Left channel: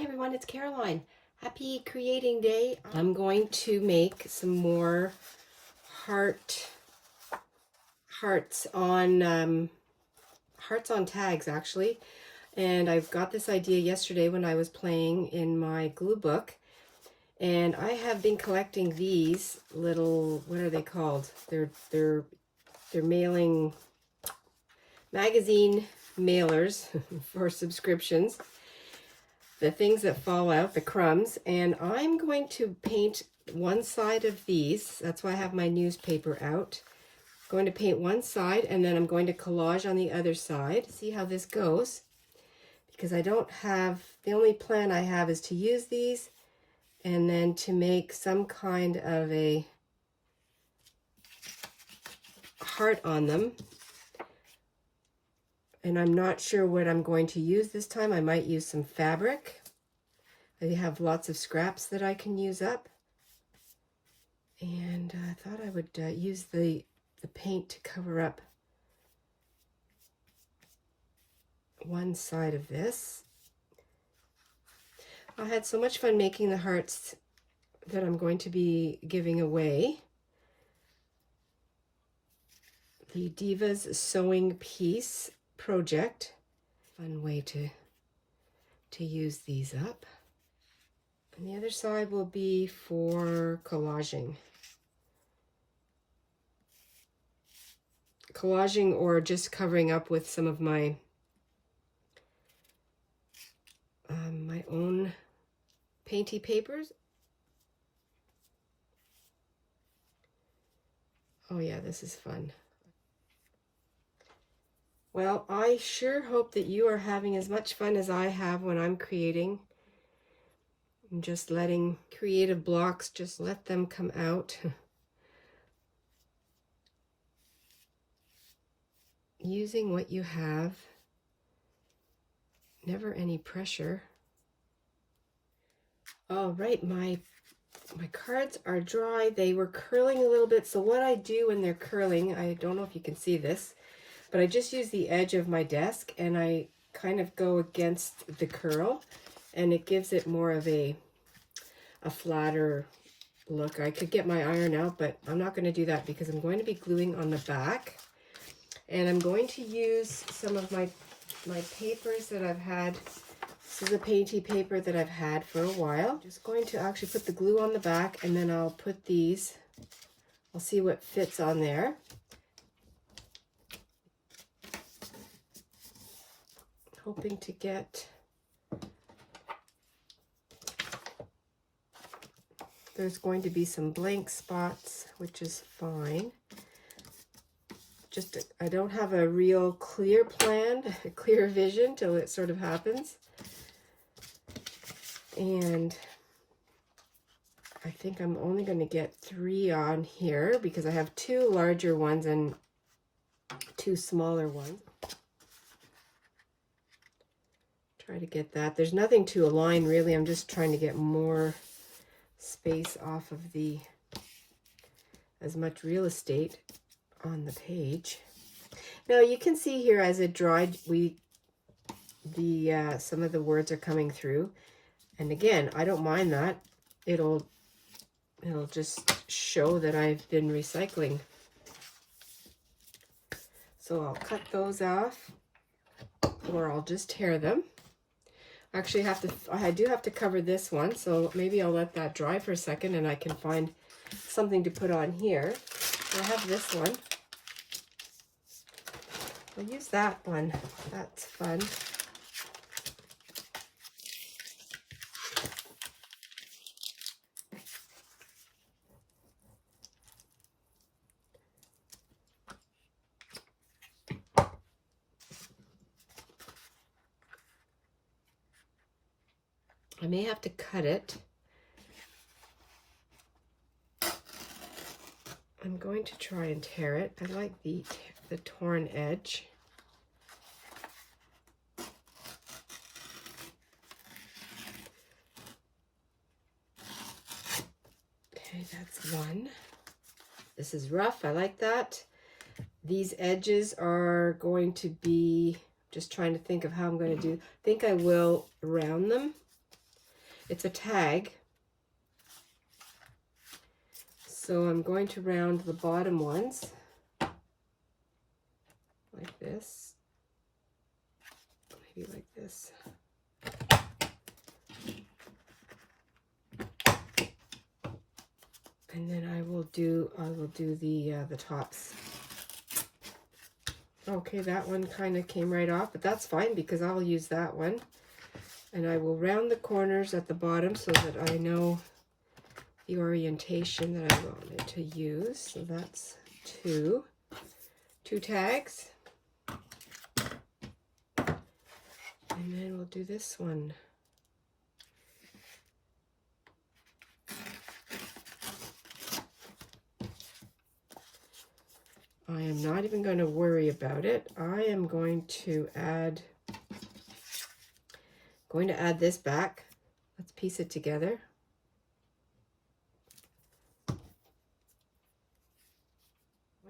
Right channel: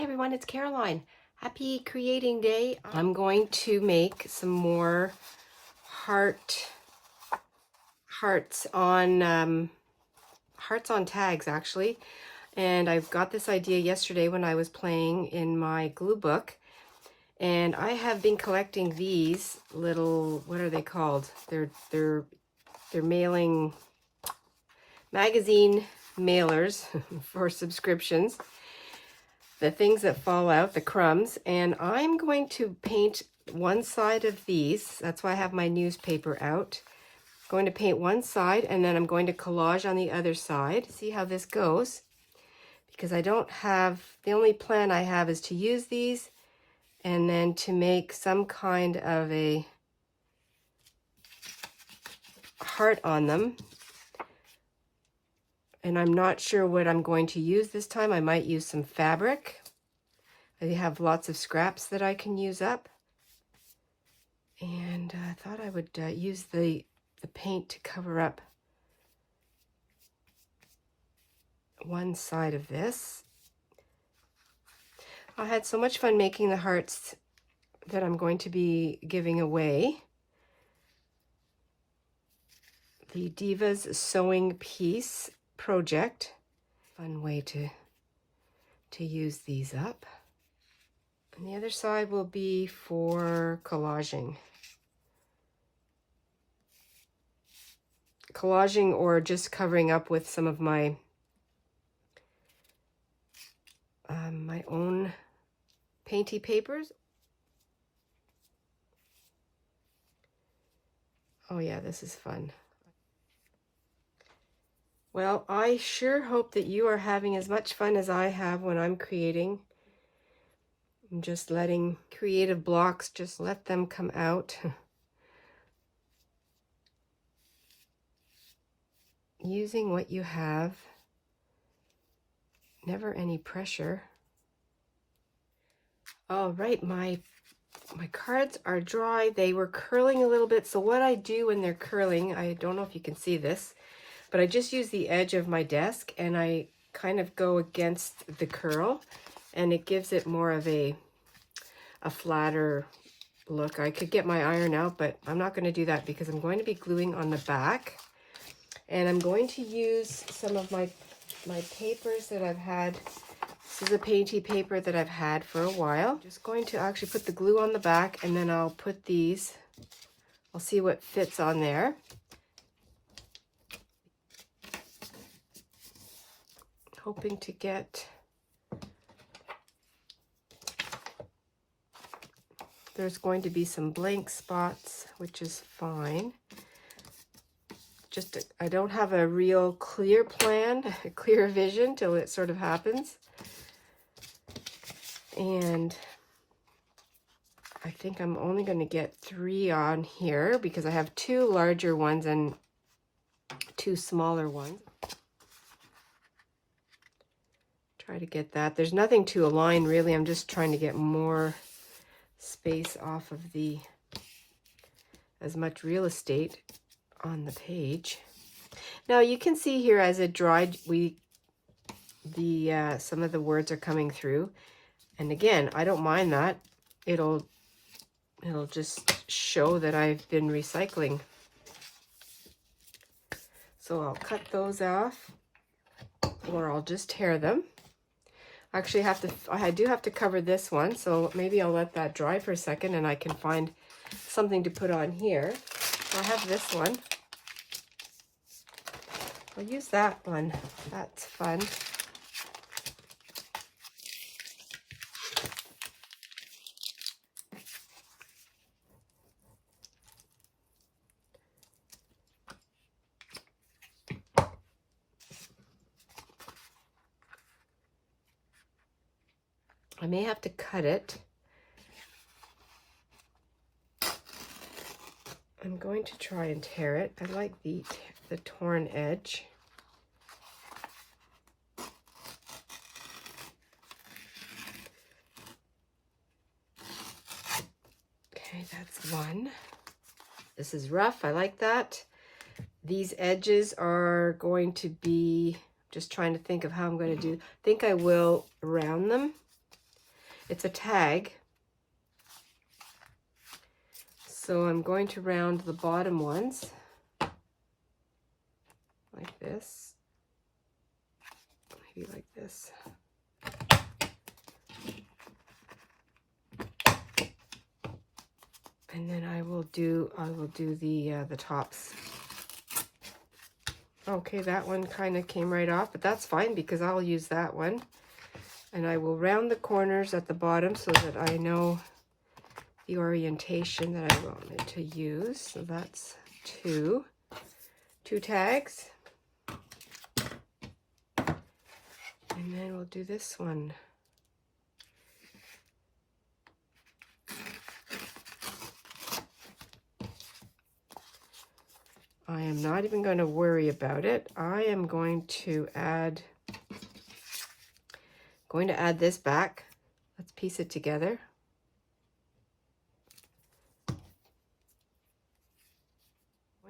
Hi everyone, it's Caroline. Happy creating day. I'm going to make some more hearts on tags actually. And I've got this idea yesterday when I was playing in my glue book. And I have been collecting these little, what are they called? They're mailing magazine mailers for subscriptions. The things that fall out, the crumbs, and I'm going to paint one side of these. That's why I have my newspaper out. I'm going to paint one side and then I'm going to collage on the other side. See how this goes, because I don't have, the only plan I have is to use these and then to make some kind of a heart on them. And I'm not sure what I'm going to use this time. I might use some fabric. I have lots of scraps that I can use up. And I thought I would use the paint to cover up one side of this. I had so much fun making the hearts that I'm going to be giving away. The Divas Sewing Piece project. Fun way to use these up. And the other side will be for collaging. Collaging or just covering up with some of my my own painty papers. Oh yeah, this is fun. Well, I sure hope that you are having as much fun as I have when I'm creating. I'm just letting creative blocks, just let them come out. Using what you have. Never any pressure. All right, my cards are dry. They were curling a little bit. So what I do when they're curling, I don't know if you can see this, but I just use the edge of my desk and I kind of go against the curl and it gives it more of a flatter look. I could get my iron out, but I'm not going to do that because I'm going to be gluing on the back. And I'm going to use some of my papers that I've had. This is a painty paper that I've had for a while. I'm just going to actually put the glue on the back and then I'll put these, I'll see what fits on there. Hoping to get, there's going to be some blank spots, which is fine. Just, I don't have a real clear plan, a clear vision till it sort of happens. And I think I'm only going to get 3 on here because I have 2 larger ones and 2 smaller ones. Try to get that. There's nothing to align really. I'm just trying to get more space off of as much real estate on the page. Now you can see here as it dried, some of the words are coming through. And again, I don't mind that. It'll just show that I've been recycling. So I'll cut those off or I'll just tear them. Actually I do have to cover this one, so maybe I'll let that dry for a second and I can find something to put on here. I have this one. I'll use that one. That's fun. I may have to cut it. I'm going to try and tear it. I like the torn edge. Okay, that's one. This is rough. I like that. These edges are going to be, just trying to think of how I'm going to do. I think I will round them It's a tag. So I'm going to round the bottom ones like this, maybe like this. And then I will do the tops. Okay, that one kind of came right off, but that's fine because I'll use that one. And I will round the corners at the bottom so that I know the orientation that I wanted to use. So that's two tags. And then we'll do this one. I am not even going to worry about it. I am going to add this back. Let's piece it together. I'm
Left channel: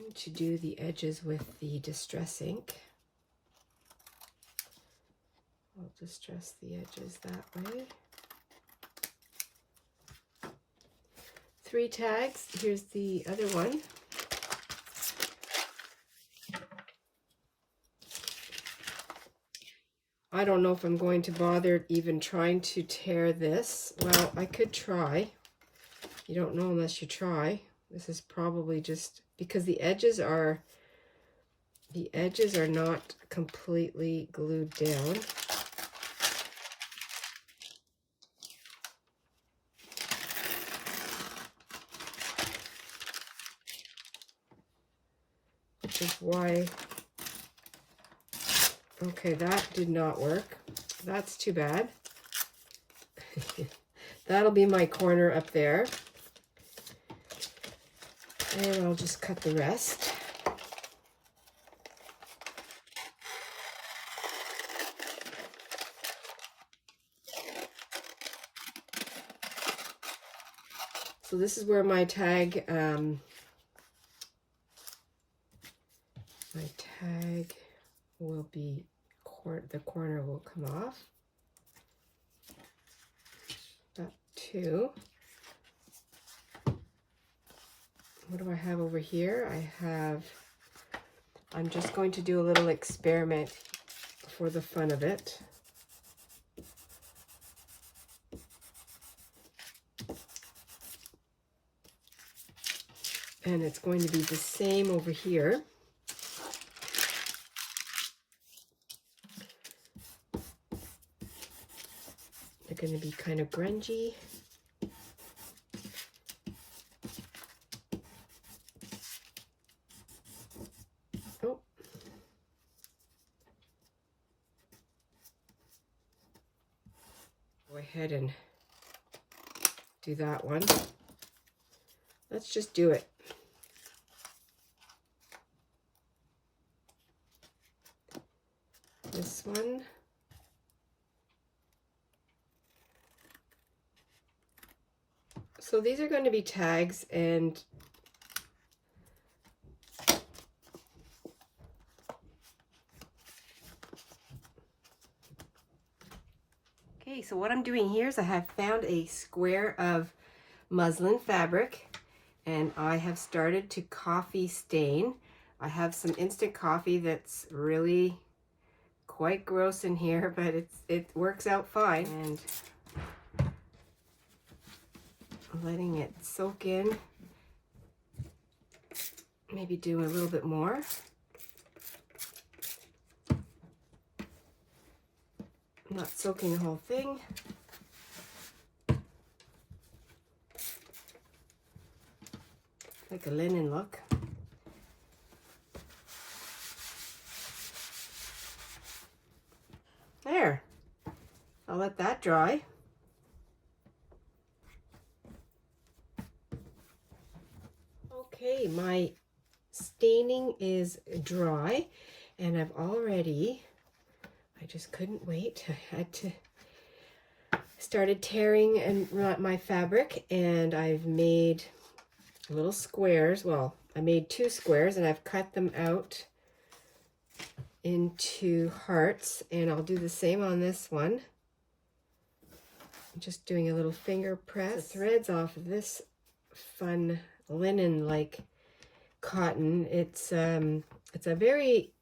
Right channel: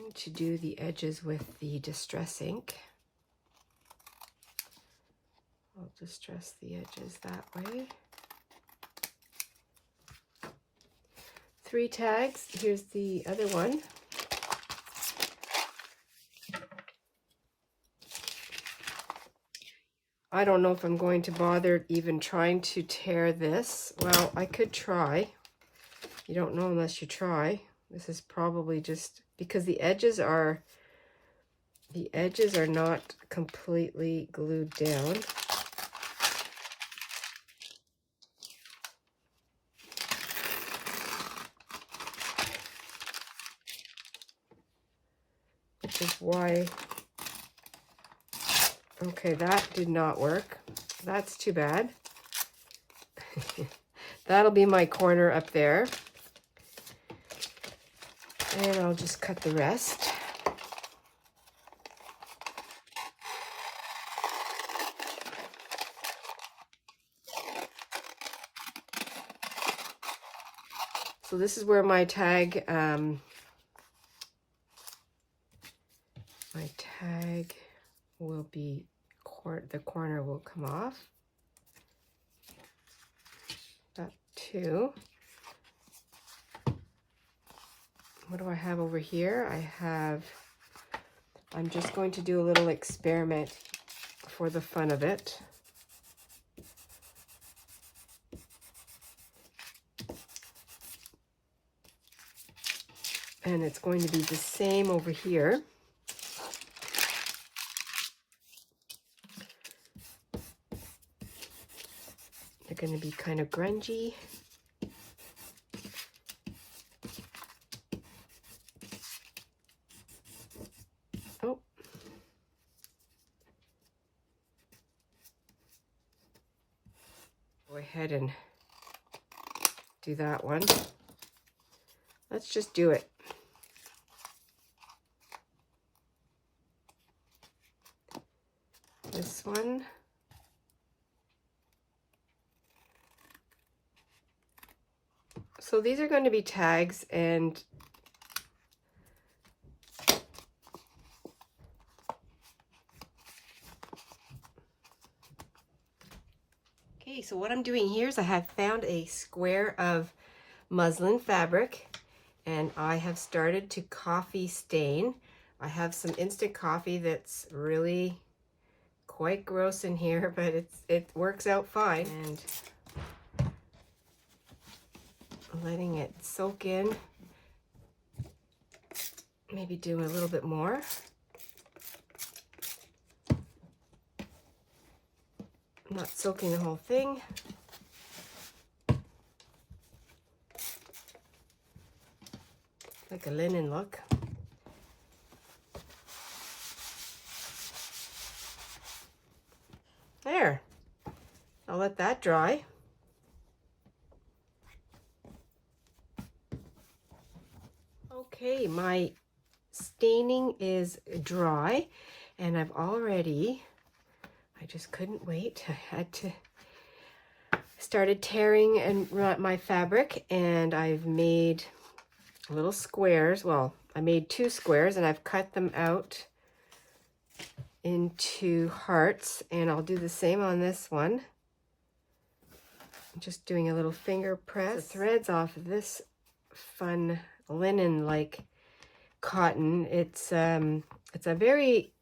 going to do the edges with the distress ink. I'll distress the edges that way. 3 tags. Here's the other one. I don't know if I'm going to bother even trying to tear this. Well, I could try. You don't know unless you try. This is probably just because the edges are not completely glued down. Which is why, okay, that did not work. That's too bad. That'll be my corner up there. And I'll just cut the rest. So this is where my tag, will be, the corner will come off. That 2. What do I have over here? I'm just going to do a little experiment for the fun of it. And it's going to be the same over here. They're going to be kind of grungy. Oh. Go ahead and do that one. Let's just do it. This one. So these are going to be tags, and okay, so what I'm doing here is I have found a square of muslin fabric, and I have started to coffee stain. I have some instant coffee that's really quite gross in here, but it works out fine. And letting it soak in. Maybe do a little bit more. I'm not soaking the whole thing. Like a linen look. There. I'll let that dry. Okay, my staining is dry, and I just couldn't wait. I had to started tearing and my fabric, and I've made little squares. Well, I made 2 squares, and I've cut them out into hearts, and I'll do the same on this one. I'm just doing a little finger press. The threads off of this fun linen-like cotton. It's a very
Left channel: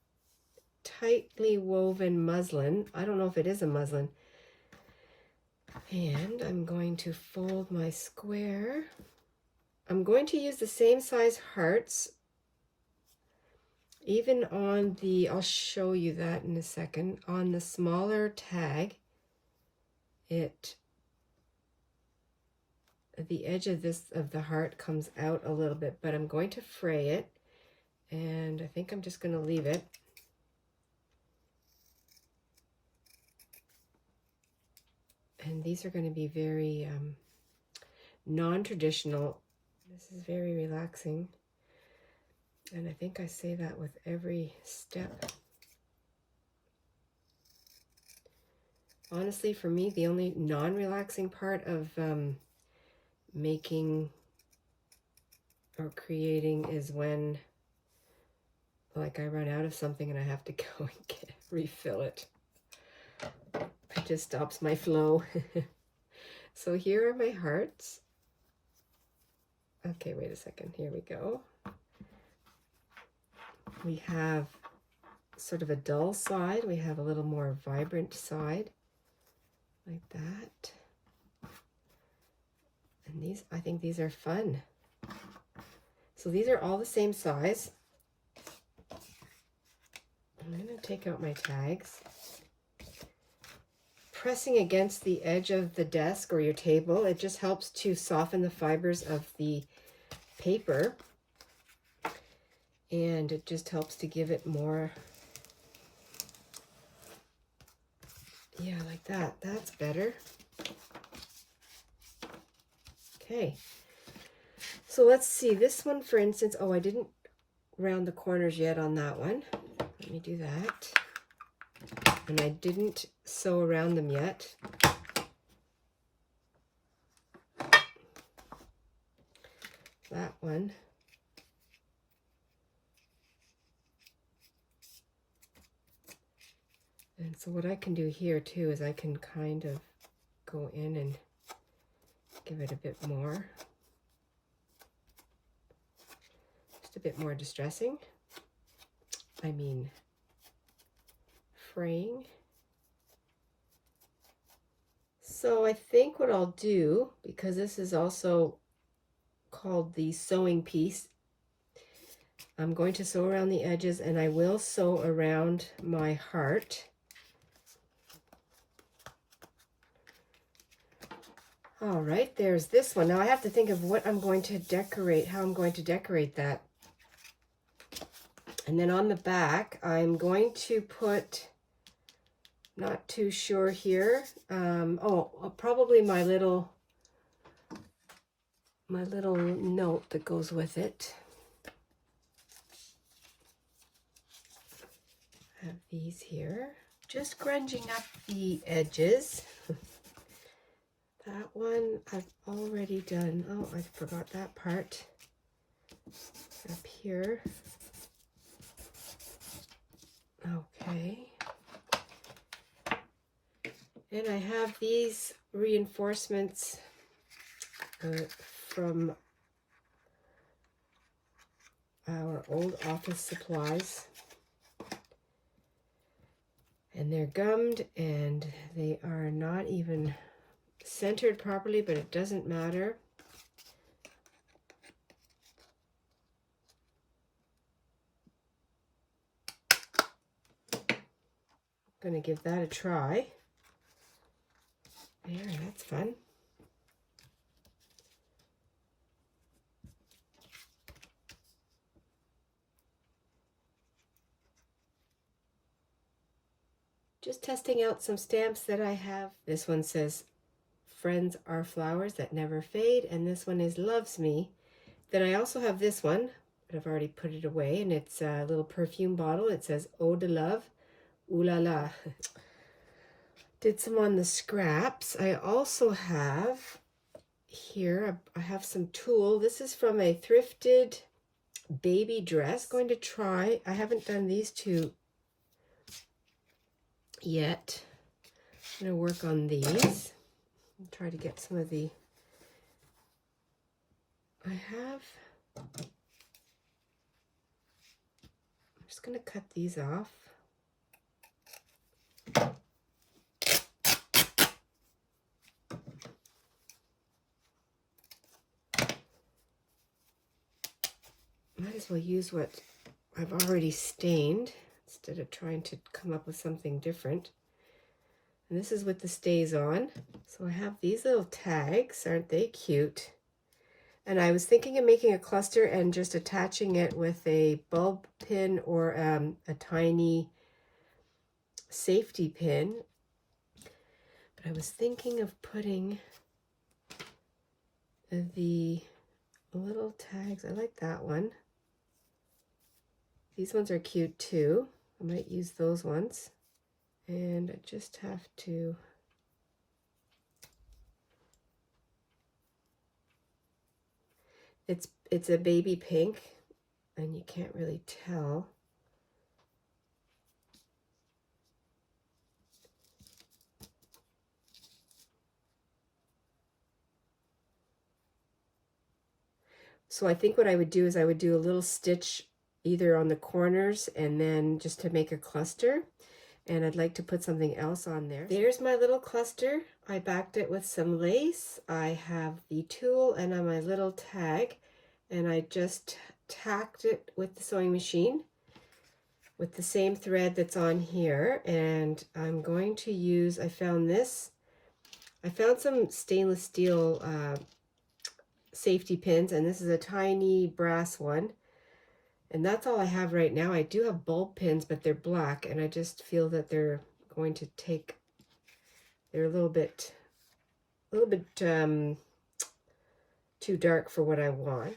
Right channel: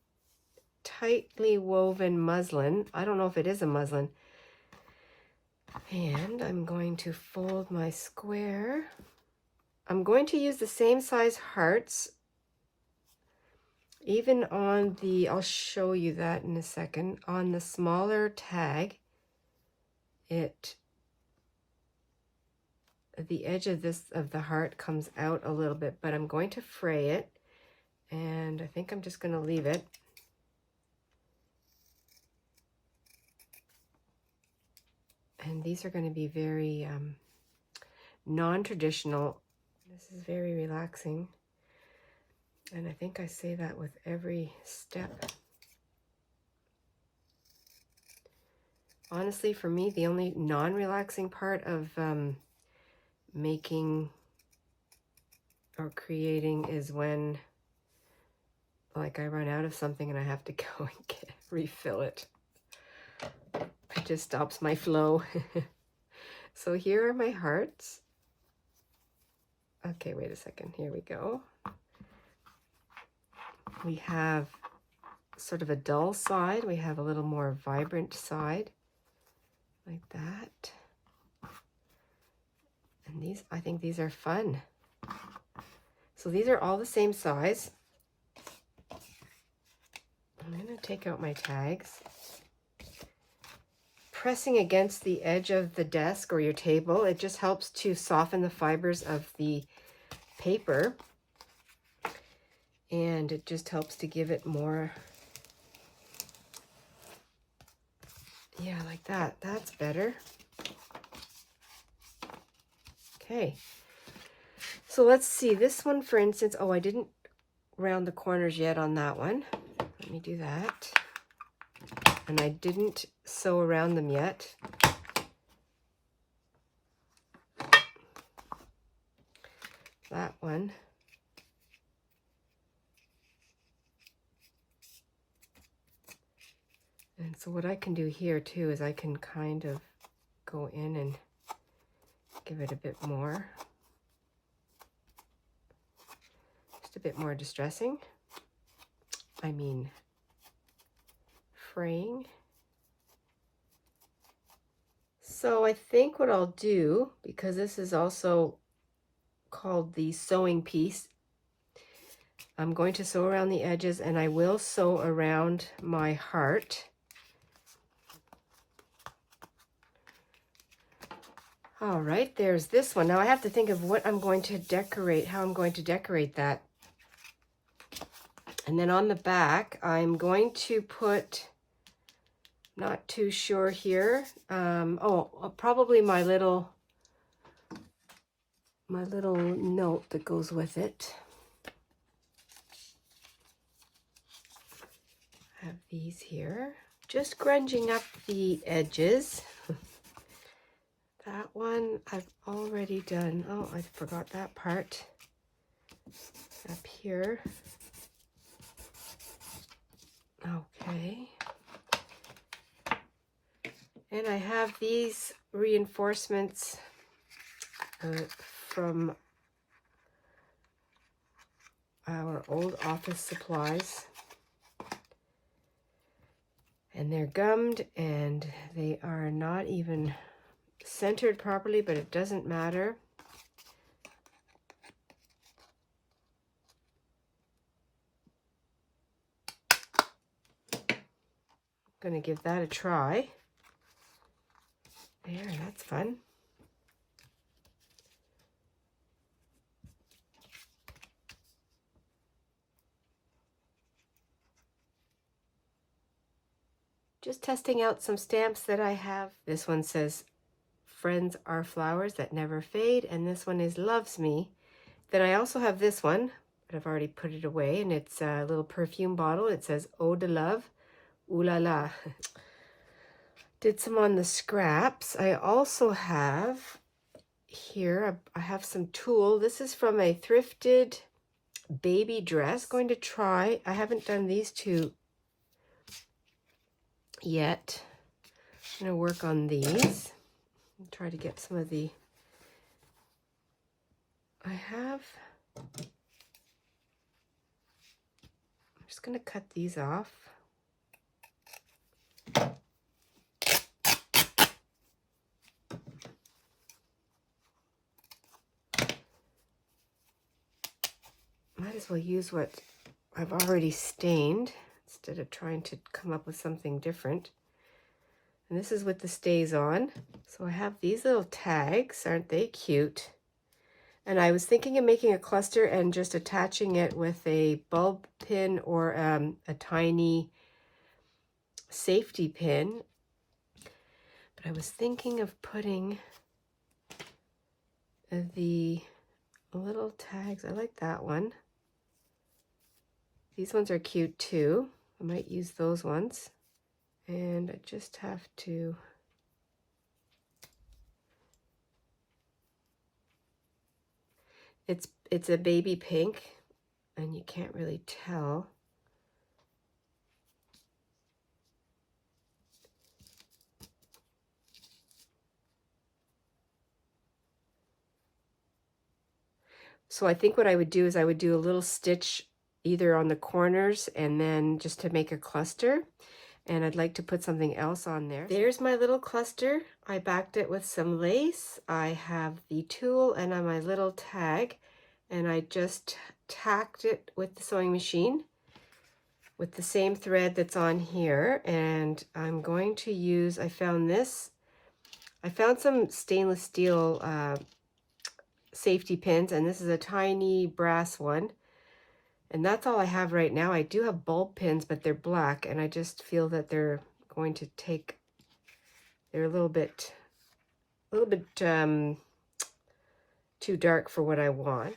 tightly woven muslin. I don't know if it is a muslin. And I'm going to fold my square. I'm going to use the same size hearts, even on the, I'll show you that in a second, on the smaller tag. The edge of the heart comes out a little bit, but I'm going to fray it, and I think I'm just going to leave it. And these are going to be very non-traditional. This is very relaxing, and I think I say that with every step. Honestly, for me, the only non-relaxing part of making or creating is when, like, I run out of something and I have to go and refill it. It just stops my flow. So here are my hearts. Okay, wait a second. Here we go. We have sort of a dull side. We have a little more vibrant side, like that. And these, I think these are fun. So these are all the same size. I'm going to take out my tags. Pressing against the edge of the desk or your table, it just helps to soften the fibers of the paper. And it just helps to give it more, yeah, like that. That's better. Okay, so let's see this one, for instance. Oh, I didn't round the corners yet on that one. Let me do that. And I didn't sew around them yet. That one. And so what I can do here too is I can kind of go in and give it a bit more. Just a bit more distressing. I mean, fraying. So I think what I'll do, because this is also called the sewing piece, I'm going to sew around the edges, and I will sew around my heart. All right, there's this one. Now I have to think of what I'm going to decorate, how I'm going to decorate that. And then on the back, I'm going to put, not too sure here. Probably my little note that goes with it. I have these here. Just grunging up the edges. That one I've already done. Oh, I forgot that part. Up here. Okay. And I have these reinforcements from our old office supplies. And they're gummed, and they are not even centered properly, but it doesn't matter. I'm going to give that a try. There, that's fun. Just testing out some stamps that I have. This one says, "Friends are flowers that never fade," and this one is "Loves Me." Then I also have this one, but I've already put it away, and it's a little perfume bottle. It says "Eau de Love, Ooh La La." Did some on the scraps. I also have here, I have some tulle. This is from a Thrifted baby dress. Going to try, I haven't done these two yet. I'm going to work on these. Try try to get some of the, I'm just going to cut these off. Might as well use what I've already stained instead of trying to come up with something different. And this is with the stays on. So I have these little tags. Aren't they cute? And I was thinking of making a cluster and just attaching it with a bulb pin or a tiny safety pin. But I was thinking of putting the little tags. I like that one. These ones are cute too. I might use those ones. And I just have to it's a baby pink and you can't really tell. So I think what I would do is I would do a little stitch either on the corners and then just to make a cluster. And I'd like to put something else on there. There's my little cluster. I backed it with some lace. I have the tulle and my little tag. And I just tacked it with the sewing machine with the same thread that's on here. And I'm going to use, I found some stainless steel safety pins, and this is a tiny brass one. And that's all I have right now. I do have bulb pins, but they're black, and I just feel that they're going to take, they're a little bit too dark for what I want.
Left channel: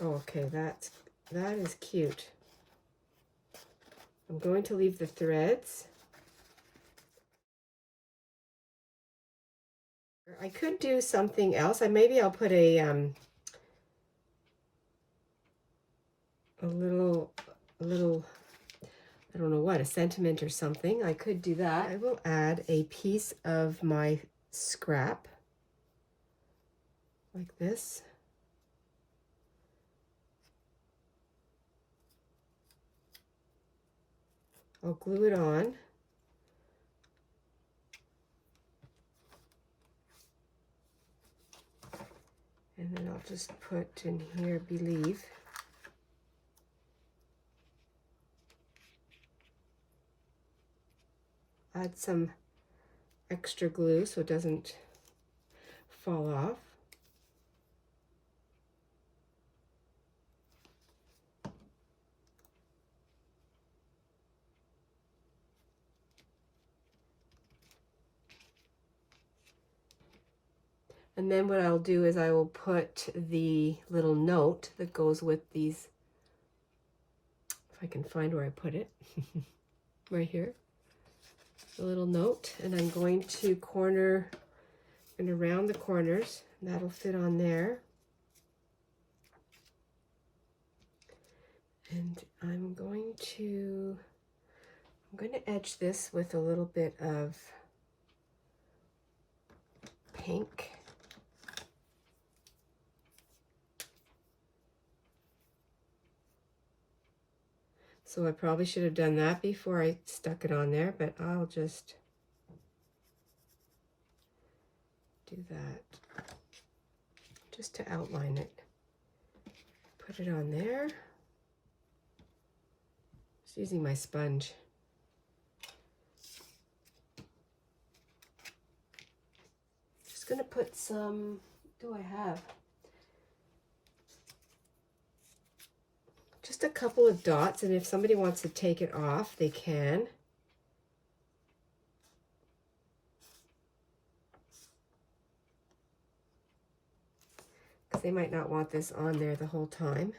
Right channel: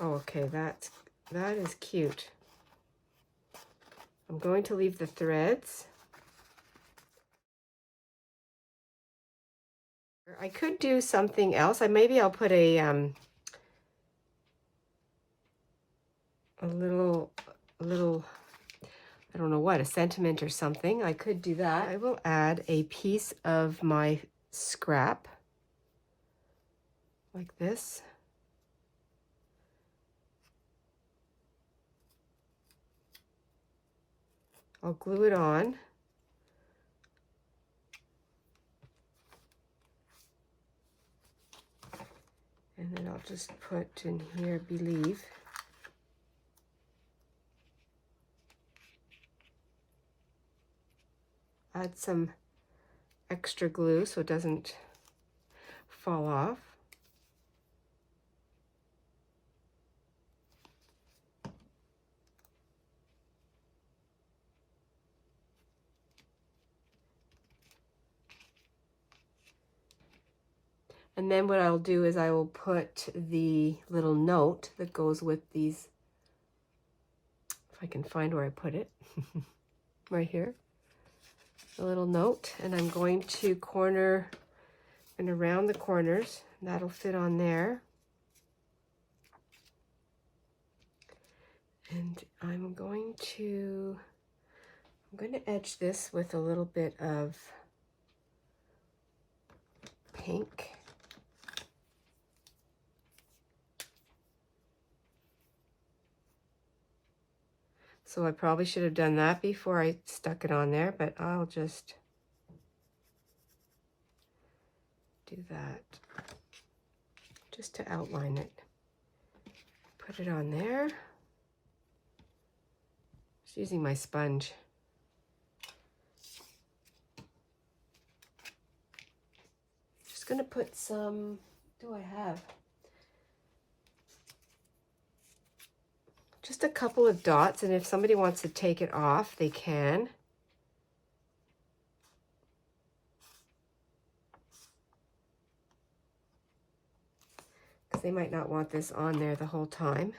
Oh, okay, that is cute. I'm going to leave the threads. I could do something else. Maybe I'll put a little, I don't know what, a sentiment or something. I could do that. I will add a piece of my scrap like this. I'll glue it on. And then I'll just put in here, believe. Add some extra glue so it doesn't fall off. And then what I'll do is I will put the little note that goes with these, if I can find where I put it, right here, the little note, and I'm going to corner and around the corners, that'll fit on there. And I'm going to edge this with a little bit of pink. So I probably should have done that before I stuck it on there, but I'll just do that just to outline it. Put it on there. Just using my sponge. Just gonna put some, what do I have? Just a couple of dots, and if somebody wants to take it off, they can. Because they might not want this on there the whole time.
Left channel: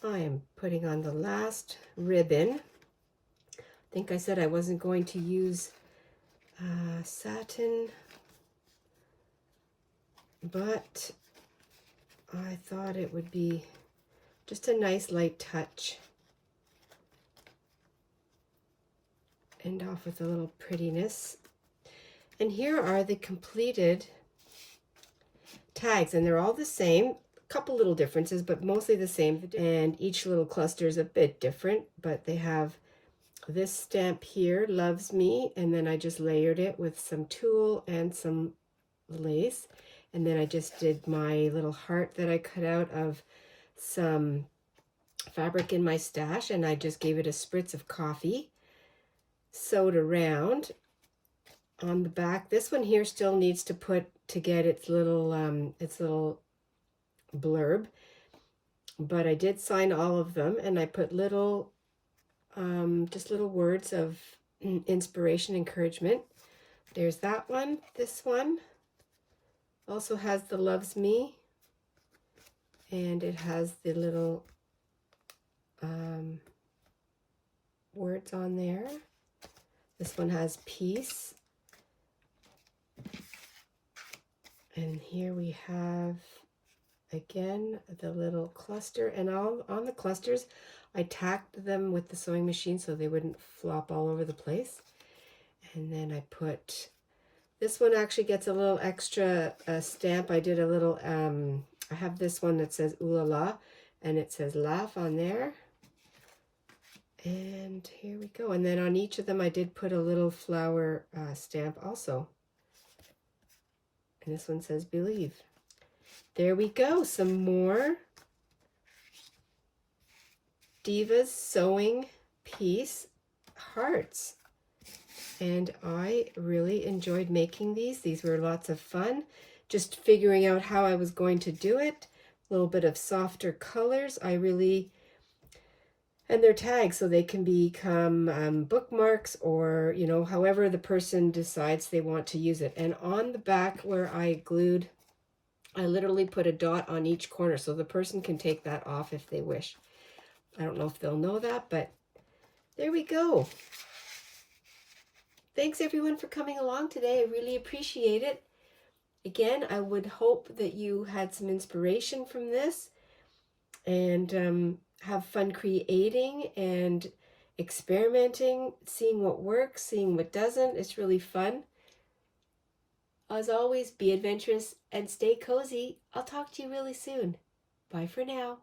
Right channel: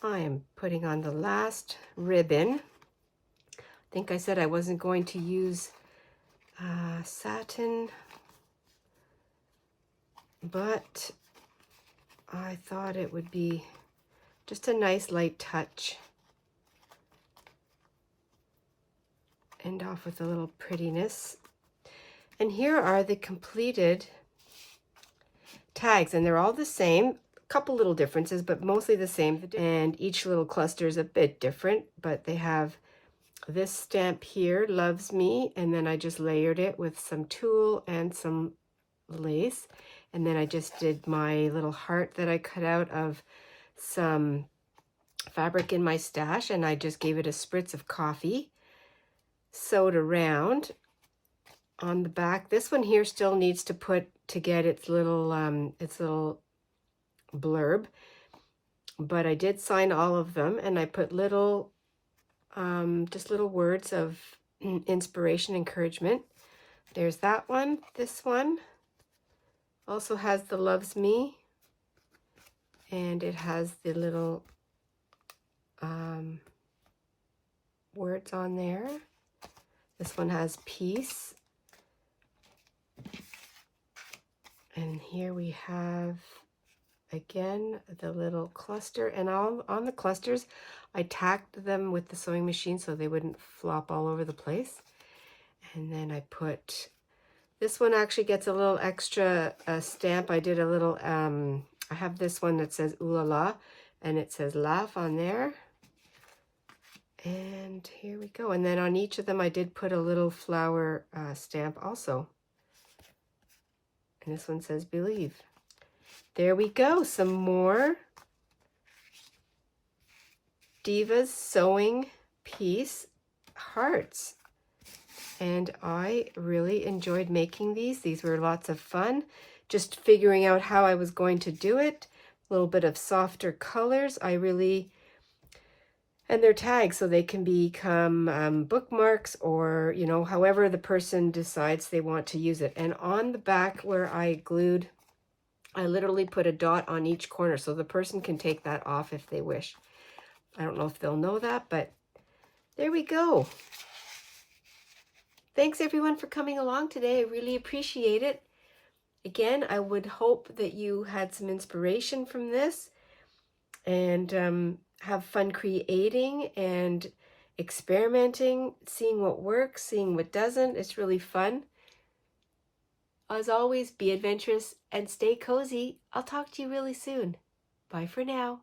I am putting on the last ribbon. I think I said I wasn't going to use satin, but I thought it would be just a nice light touch. End off with a little prettiness. And here are the completed tags, and they're all the same. A couple little differences, but mostly the same. And each little cluster is a bit different, but they have this stamp here, loves me, and then I just layered it with some tulle and some lace. And then I just did my little heart that I cut out of some fabric in my stash, and I just gave it a spritz of coffee, sewed around on the back. This one here still needs to get its little blurb, but I did sign all of them, and I put little just little words of inspiration, encouragement. There's that one. This one also has the loves me, and it has the little words on there. This one has peace. And here we have, again, the little cluster. And all on the clusters, I tacked them with the sewing machine so they wouldn't flop all over the place. And then I put, this one actually gets a little extra stamp. I did a little, I have this one that says ooh la la, and it says laugh on there. And here we go. And then on each of them, I did put a little flower stamp also. And this one says believe. There we go. Some more Divas Sewing Piece hearts. And I really enjoyed making these. These were lots of fun. Just figuring out how I was going to do it. A little bit of softer colors. And they're tags, so they can become bookmarks, or, you know, however the person decides they want to use it. And on the back where I glued, I literally put a dot on each corner, so the person can take that off if they wish. I don't know if they'll know that, but there we go. Thanks everyone for coming along today. I really appreciate it. Again, I would hope that you had some inspiration from this, and have fun creating and experimenting, seeing what works, seeing what doesn't. It's really fun. As always, be adventurous and stay cozy. I'll talk to you really soon. Bye for now.